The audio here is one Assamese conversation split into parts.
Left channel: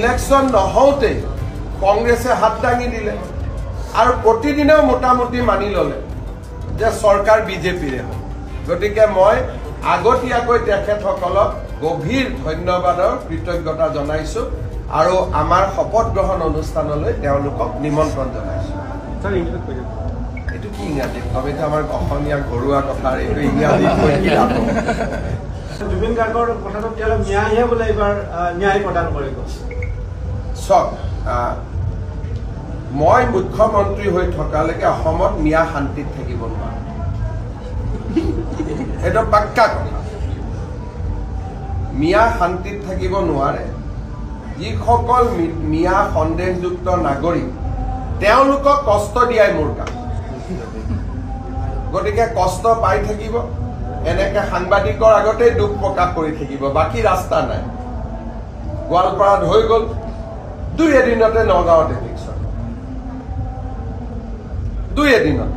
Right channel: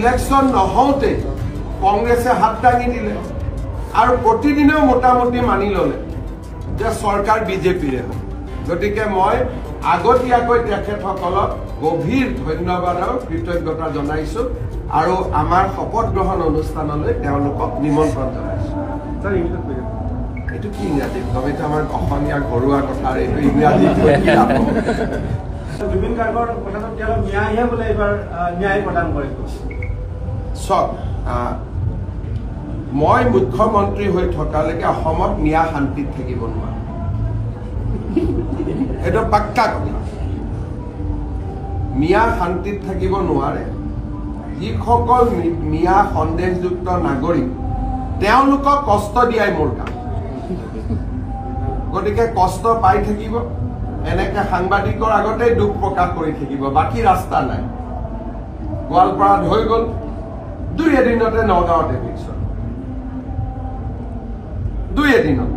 ইলেকশন নহওঁতে কংগ্ৰেছে হাত দাঙি দিলে আৰু প্ৰতিদিনেও মোটামুটি মানি ললে যে চৰকাৰ বিজেপিৰে হ'ব। গতিকে মই আগতীয়াকৈ তেখেতসকলক গভীৰ ধন্যবাদ আৰু কৃতজ্ঞতা জনাইছো আৰু আমাৰ শপত গ্ৰহণ অনুষ্ঠানলৈ তেওঁলোকক নিমন্ত্ৰণ জনাইছো। এইটো কি ইংৰাজীত কম? এইটো আমাৰ অসমীয়া ঘৰুৱা কথা, এইটো ইংৰাজীত কৈ কি লাভ হ'ব? জুবিন গাৰ্গৰ কথাটো ন্যায়হে বোলে এইবাৰ ন্যায় প্ৰদান কৰিব। চাওক, মই মুখ্যমন্ত্ৰী হৈ থকালৈকে অসমত মিয়া শান্তিত থাকিব নোৱাৰে, এইটো পাক্কা কথা। মিয়া শান্তিত থাকিব নোৱাৰে। যিসকল মিয়া সন্দেহযুক্ত নাগৰিক তেওঁলোকক কষ্ট দিয়াই মোৰ কাম। গতিকে কষ্ট পাই থাকিব, এনেকে সাংবাদিকৰ আগতেই দুখ প্ৰকাশ কৰি থাকিব, বাকী ৰাস্তা নাই। গোৱালপাৰাত হৈ গ'ল, 2 এদিনতে নগাঁৱত এভিকশ্যন, 2 এদিনত।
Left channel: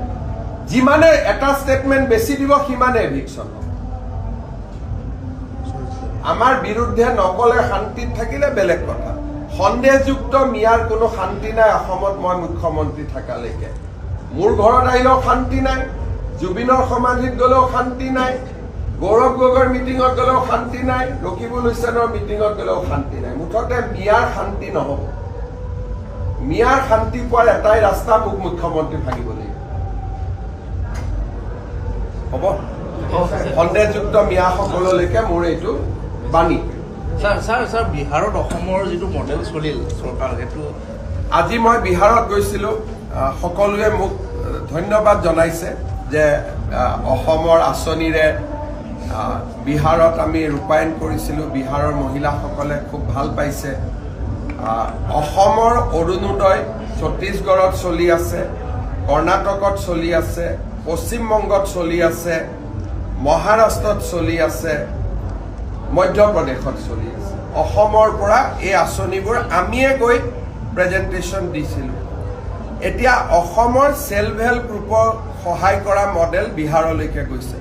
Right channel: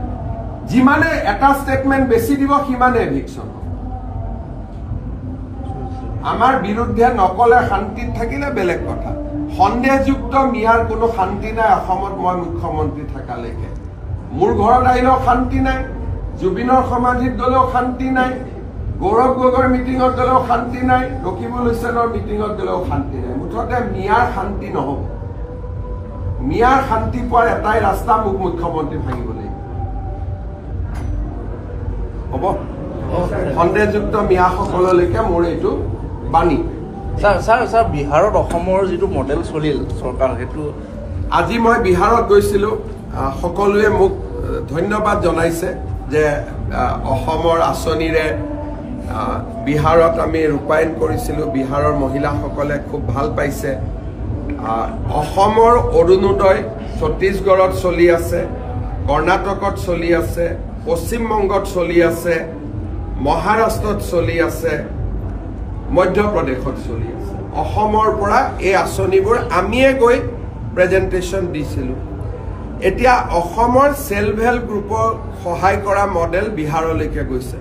যিমানে এটা ষ্টেটমেণ্ট বেছি দিব সিমানে এভিকশ্যন হ'ব। আমাৰ বিৰুদ্ধে নকলে শান্তিত থাকিলে বেলেগ কথা। সন্দেহযুক্ত মিয়াৰ কোনো শান্তি নাই অসমত। মই মুখ্যমন্ত্ৰী থকালৈকে মোৰ ঘৰত আহিলেও শান্তি নাই, জুবিনৰ সমাধিত গ'লেও শান্তি নাই, গৌৰৱ গগৈৰ মিটিঙত গ'লেও শান্তি নাই, ৰকিবুল হুছেইনৰ মিটিঙত গ'লেও শান্তি নাই। মুঠতে মিয়াৰ শান্তি নহ'ব। মিয়াৰ শান্তি পোৱাৰ এটাই ৰাস্তা, মোক মুখ্যমন্ত্ৰী ভাঙিব লাগিব। হ'ব, সন্দেহযুক্ত মিয়াসকললৈকে মোৰ এইটো বাণী। ছাৰ বিহাৰত অসমৰ যিটো মডেল চলিল চৰকাৰ, সেইটো আজি মই বিহাৰত গৈছিলো। সকলোৱে মোক ধন্যবাদ জনাইছে যে অসমৰ আঁচনিৰে বিহাৰত আমি ৰূপায়ণ কৰিছিলো। বিহাৰৰ মহিলাসকলে খুব ভাল পাইছে। অসমৰ অৰুণোদয় ছত্তীশগড়ত চলি আছে, কৰ্ণাটকত চলি আছে, পশ্চিমবংগত চলি আছে, মহাৰাষ্ট্ৰত চলি আছে, মধ্যপ্ৰদেশত চলি আছে। অসমৰ পৰা এই আঁচনিবোৰ আমিয়ে গৈ প্ৰেজেণ্টেশ্যন দিছিলো। এতিয়া অসমৰ সেল্ফ হেল্প গ্ৰুপক সহায় কৰা মডেল বিহাৰলৈকে গৈছে।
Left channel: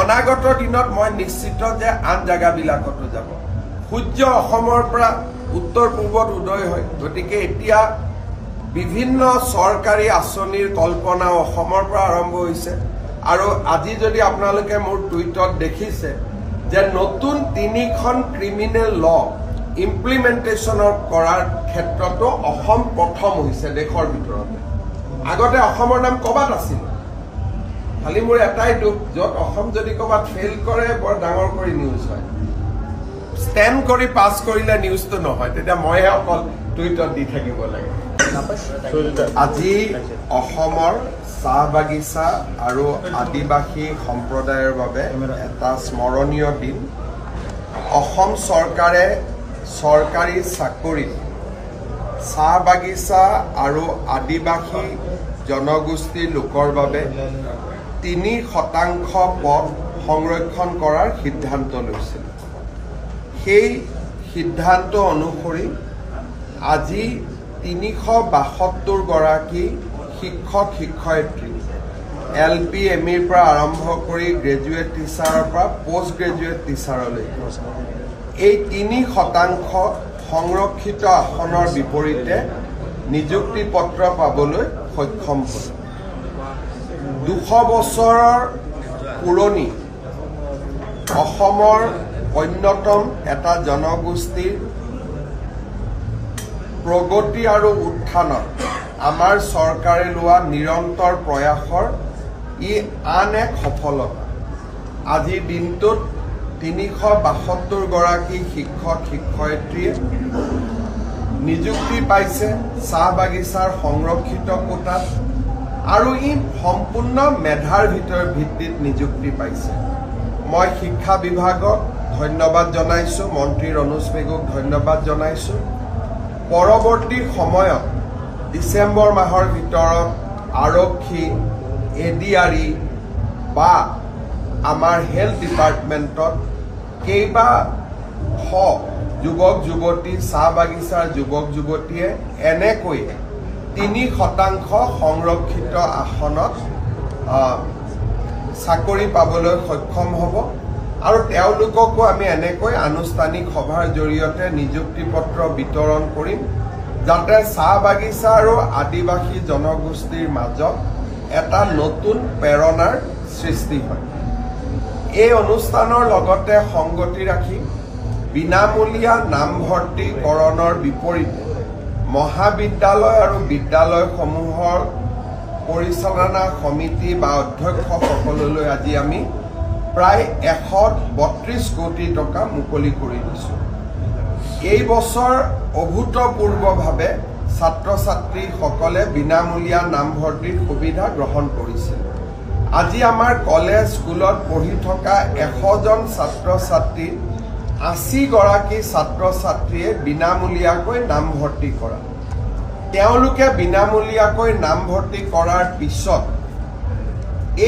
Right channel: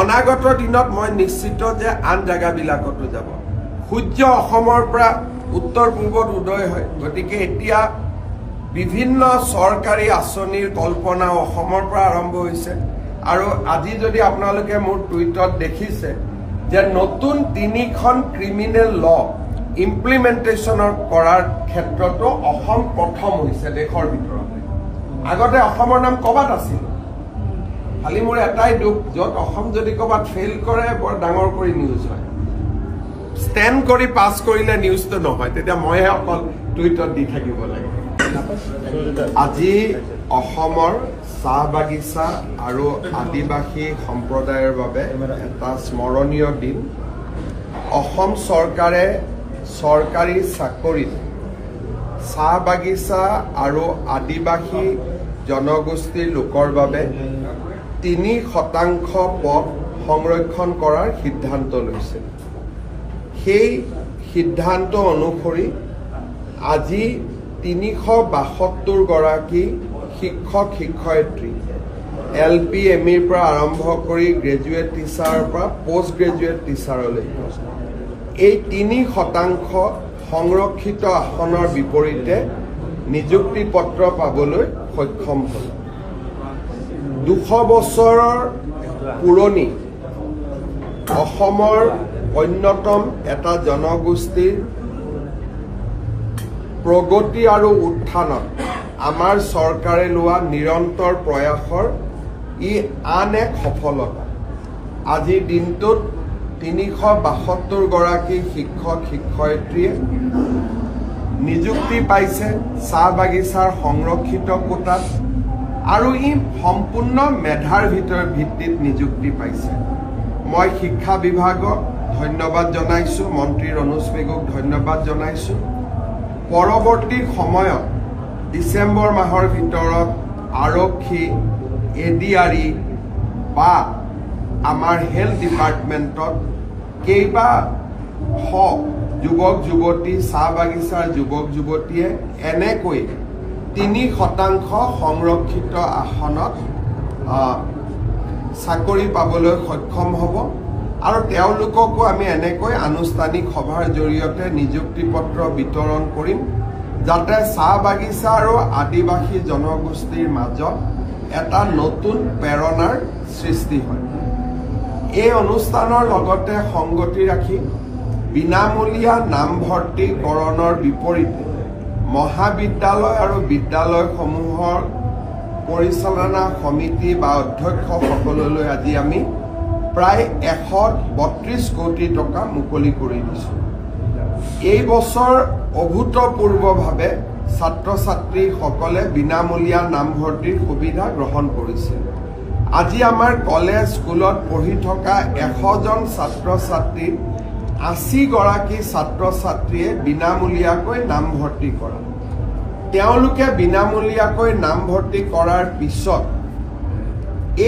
অনাগত দিনত মই নিশ্চিত যে আন জেগাবিলাকতো যাব। সূৰ্য অসমৰ পৰা উত্তৰ পূৰ্বত উদয় হয়। গতিকে এতিয়া বিভিন্ন চৰকাৰী আঁচনিৰ কল্পনা অসমৰ পৰা আৰম্ভ হৈছে। আৰু আজি যদি আপোনালোকে মোৰ টুইটত দেখিছে যে নতুন 3খন ক্ৰিমিনেল ল ইমপ্লিমেণ্টেশ্যনৰ কৰাৰ ক্ষেত্ৰতো অসম প্ৰথম হৈছে দেশৰ ভিতৰতে। আগতে অসমৰ নাম ক'বাত আছিল। খালি মোৰ এটাই দুখ, য'ত অসম যদি ক'বাত ফেইল কৰে বৰ ডাঙৰ কৰি নিউজ হয়। ষ্টেণ্ড কৰি পাছ কৰিলে নিউজটো নহয়, তেতিয়া মইহে অকল টুইটত দি থাকিব লাগে। আজি অসমৰ চাহ বাগিচা আৰু আদিবাসী সম্প্ৰদায়ৰ বাবে এটা স্মৰণীয় দিন। অসম চৰকাৰে চৰকাৰী চাকৰিত চাহ বাগিচা আৰু আদিবাসী জনগোষ্ঠীৰ লোকৰ বাবে 3% পদ সংৰক্ষণ কৰাৰ সিদ্ধান্ত লৈছিল। সেই সিদ্ধান্ত অনুসৰি আজি 372 গৰাকী শিক্ষক শিক্ষয়িত্ৰী LP ME পৰা আৰম্ভ কৰি গ্ৰেজুৱেট টিচাৰৰ পৰা পোষ্ট গ্ৰেজুৱেট টিচাৰলৈকে এই 3% সংৰক্ষিত আসনৰ বিপৰীতে নিযুক্তি পত্ৰ পাবলৈ সক্ষম হ'ল। 200 বছৰৰ পুৰণি অসমৰ অন্যতম এটা জনগোষ্ঠীৰ প্ৰগতি আৰু উত্থানত আমাৰ চৰকাৰে লোৱা নিৰন্তৰ প্ৰয়াসৰ ই আন এক সফলতা। আজিৰ দিনটোত 372 গৰাকী শিক্ষক শিক্ষয়িত্ৰীয়ে নিযুক্তি পাইছে চাহ বাগিচাৰ সংৰক্ষিত কোটাত, আৰু ই সম্পূৰ্ণ মেধাৰ ভিত্তিত নিযুক্তি পাইছে। মই শিক্ষা বিভাগক ধন্যবাদ জনাইছো, মন্ত্ৰী ৰণোজ পেগুক ধন্যবাদ জনাইছো। পৰৱৰ্তী সময়ত ডিচেম্বৰ মাহৰ ভিতৰত আৰক্ষী, ADRE বা আমাৰ হেল্থ ডিপাৰ্টমেণ্টত কেইবাশ যুৱক যুৱতী, চাহ বাগিচাৰ যুৱক যুৱতীয়ে এনেকৈ 3% সংৰক্ষিত আসনত চাকৰি পাবলৈ সক্ষম হ'ব। আৰু তেওঁলোককো আমি এনেকৈ আনুষ্ঠানিক সভাৰ জৰিয়তে নিযুক্তি পত্ৰ বিতৰণ কৰিম যাতে চাহ বাগিচা আৰু আদিবাসী জনগোষ্ঠীৰ মাজত এটা নতুন প্ৰেৰণাৰ সৃষ্টি হয়। এই অনুষ্ঠানৰ লগতে সংগতি ৰাখি বিনামূলীয়া নামভৰ্তিকৰণৰ বিপৰীতে মহাবিদ্যালয় আৰু বিদ্যালয়সমূহৰ পৰিচালনা সমিতি বা অধ্যক্ষসকললৈ আজি আমি প্ৰায় 132 কোটি টকা মুকলি কৰি দিছোঁ। এই বছৰ অভূতপূৰ্বভাৱে ছাত্ৰ ছাত্ৰীসকলে বিনামূলীয়া নামভৰ্তিৰ সুবিধা গ্ৰহণ কৰিছিল। আজি আমাৰ কলেজ স্কুলত পঢ়ি থকা 100 জন ছাত্ৰ ছাত্ৰীৰ 80 গৰাকী ছাত্ৰ ছাত্ৰীয়ে বিনামূলীয়াকৈ নামভৰ্তি কৰা। তেওঁলোকে বিনামূলীয়াকৈ নামভৰ্তি কৰাৰ পিছত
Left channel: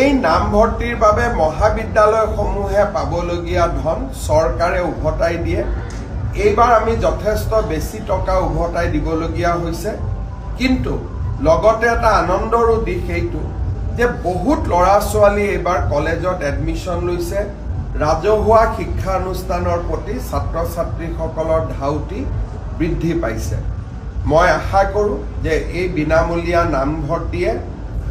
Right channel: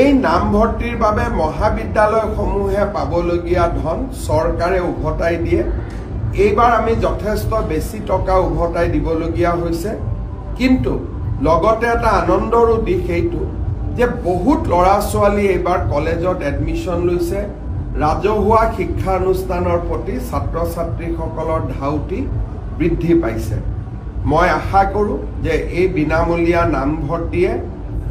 এই নামভৰ্তিৰ বাবে মহাবিদ্যালয়সমূহে পাবলগীয়া ধন চৰকাৰে উভতাই দিয়ে। এইবাৰ আমি যথেষ্ট বেছি টকা উভতাই দিবলগীয়া হৈছে, কিন্তু লগতে এটা আনন্দৰো দিশ এইটো যে বহুত ল'ৰা ছোৱালী এইবাৰ কলেজত এডমিশ্যন লৈছে। ৰাজহুৱা শিক্ষানুষ্ঠানৰ প্ৰতি ছাত্ৰ ছাত্ৰীসকলৰ ধাউতি বৃদ্ধি পাইছে। মই আশা কৰোঁ যে এই বিনামূলীয়া নামভৰ্তিয়ে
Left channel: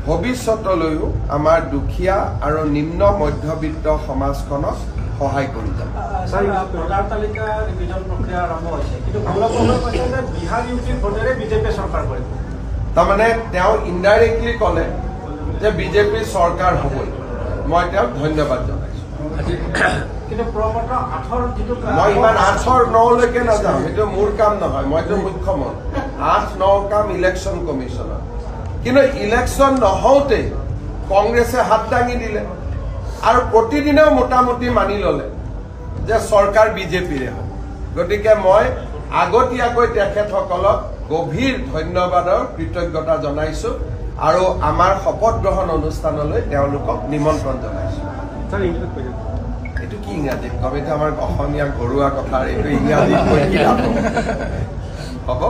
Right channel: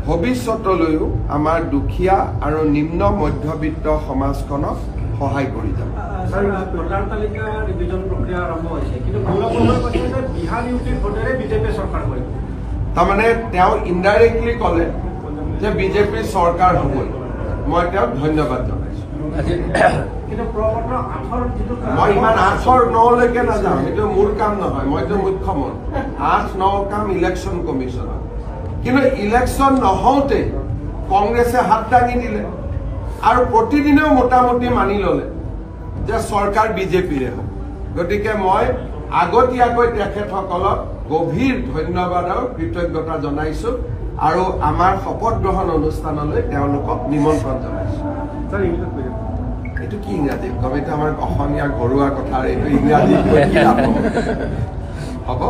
ভৱিষ্যতলৈও আমাৰ দুখীয়া আৰু নিম্ন মধ্যবিত্ত সমাজখনক সহায় কৰি যাব। তাৰমানে তেওঁ ইনডাইৰেক্টলি ক'লে যে বিজেপিৰ চৰকাৰ হ'বই। মই তেওঁক ধন্যবাদ জনাইছোঁ। মই ইমান 8-9লৈকে নাযাওঁ, সেইটো মোৰ কাম নহয়, মইতো মুখ্যমন্ত্ৰী। 8-9 কাম ইলেকশ্যন কমিশ্যনৰ। কিন্তু ইলেকশ্যন নহওঁতে কংগ্ৰেছে হাত দাঙি দিলে আৰু প্ৰতিদিনেও মোটামুটি মানি ল'লে যে চৰকাৰ বিজেপিৰে হ'ব। গতিকে মই আগতীয়াকৈ তেখেতসকলক গভীৰ ধন্যবাদৰ কৃতজ্ঞতা জনাইছোঁ আৰু আমাৰ শপত গ্ৰহণ অনুষ্ঠানলৈ তেওঁলোকক নিমন্ত্ৰণ জনাইছোঁ। এইটো কি ইংৰাজীত কম? এইটো আমাৰ অসমীয়া ঘৰুৱা কথা, এইটো ইংৰাজীত কৈ কি লাভ হ'ব?